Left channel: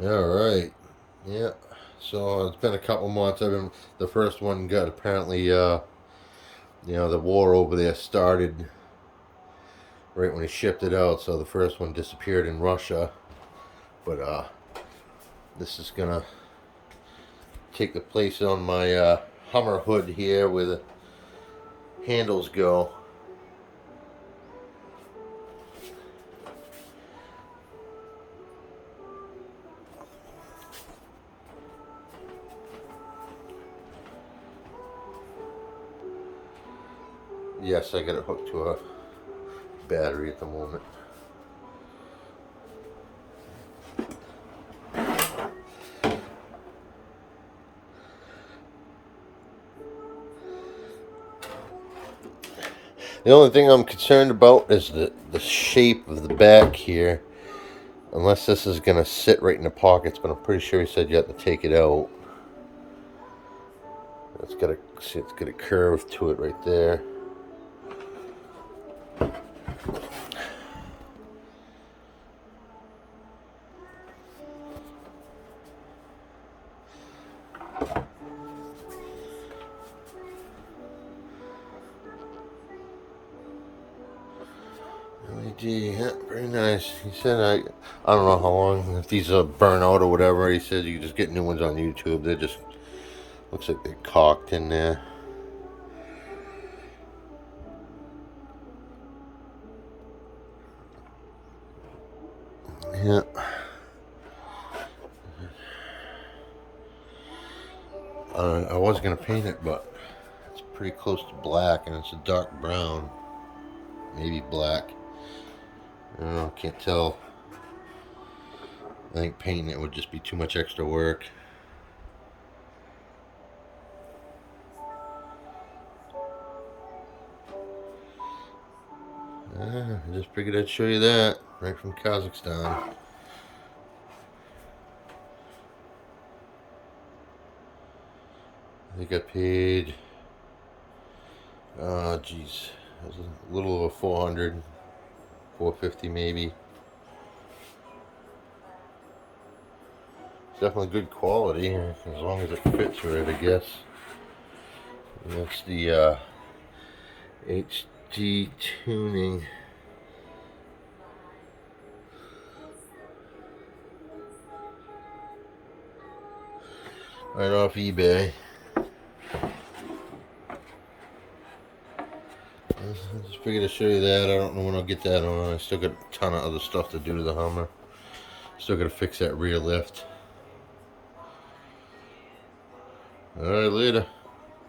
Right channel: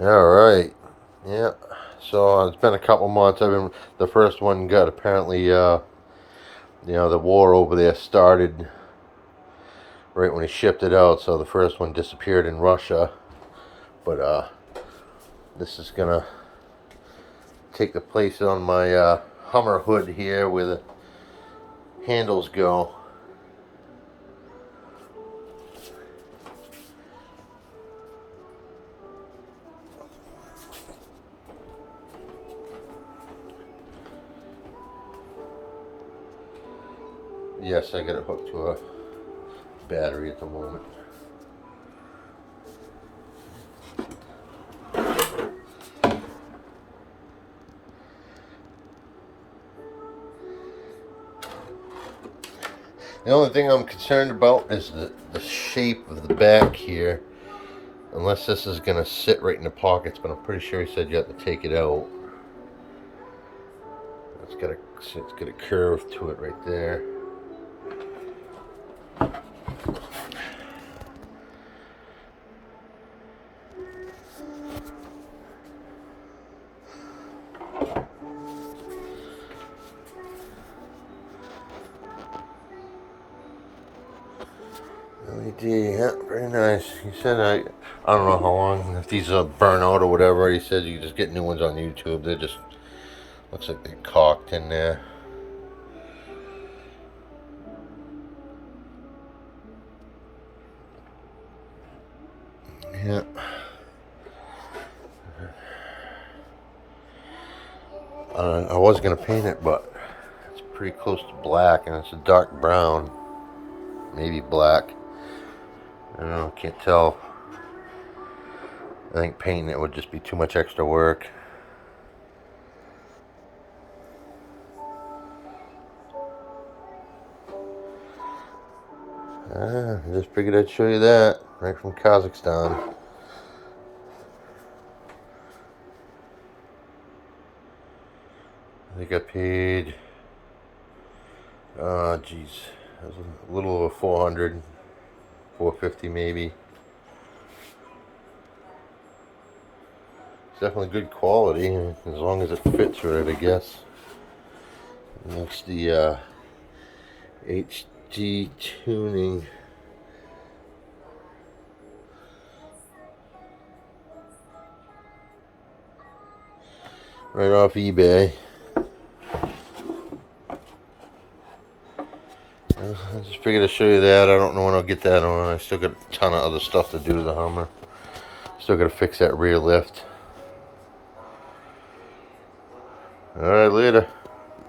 All right. Yeah. So it's been a couple months. The first one got apparently, the war over there started right when he shipped it out. So the first one disappeared in Russia. But this is gonna take the place on my Hummer hood here where the handles go. Yes, I got it hooked to a battery at the moment. The only thing I'm concerned about is the shape of the back here. Unless this is going to sit right in the pockets, but I'm pretty sure he said you have to take it out. It's got a curve to it right there. LED, yeah, very nice. He said I don't know how long, if these burn out or whatever. He said you can just get new ones on YouTube. They just looks like they caulked in there. Yeah. I was gonna paint it, but it's pretty close to black, and it's a dark brown, maybe black. I don't know, can't tell. I think painting it would just be too much extra work. I just figured I'd show you that right from Kazakhstan. I think I paid, geez, it was a little over 400, 450 maybe. It's definitely good quality as long as it fits right, I guess. And that's the HD Tuning. Right off eBay. I just figured to show you that. I don't know when I'll get that on. I still got a ton of other stuff to do to the Hummer. Still got to fix that rear lift. Alright, later.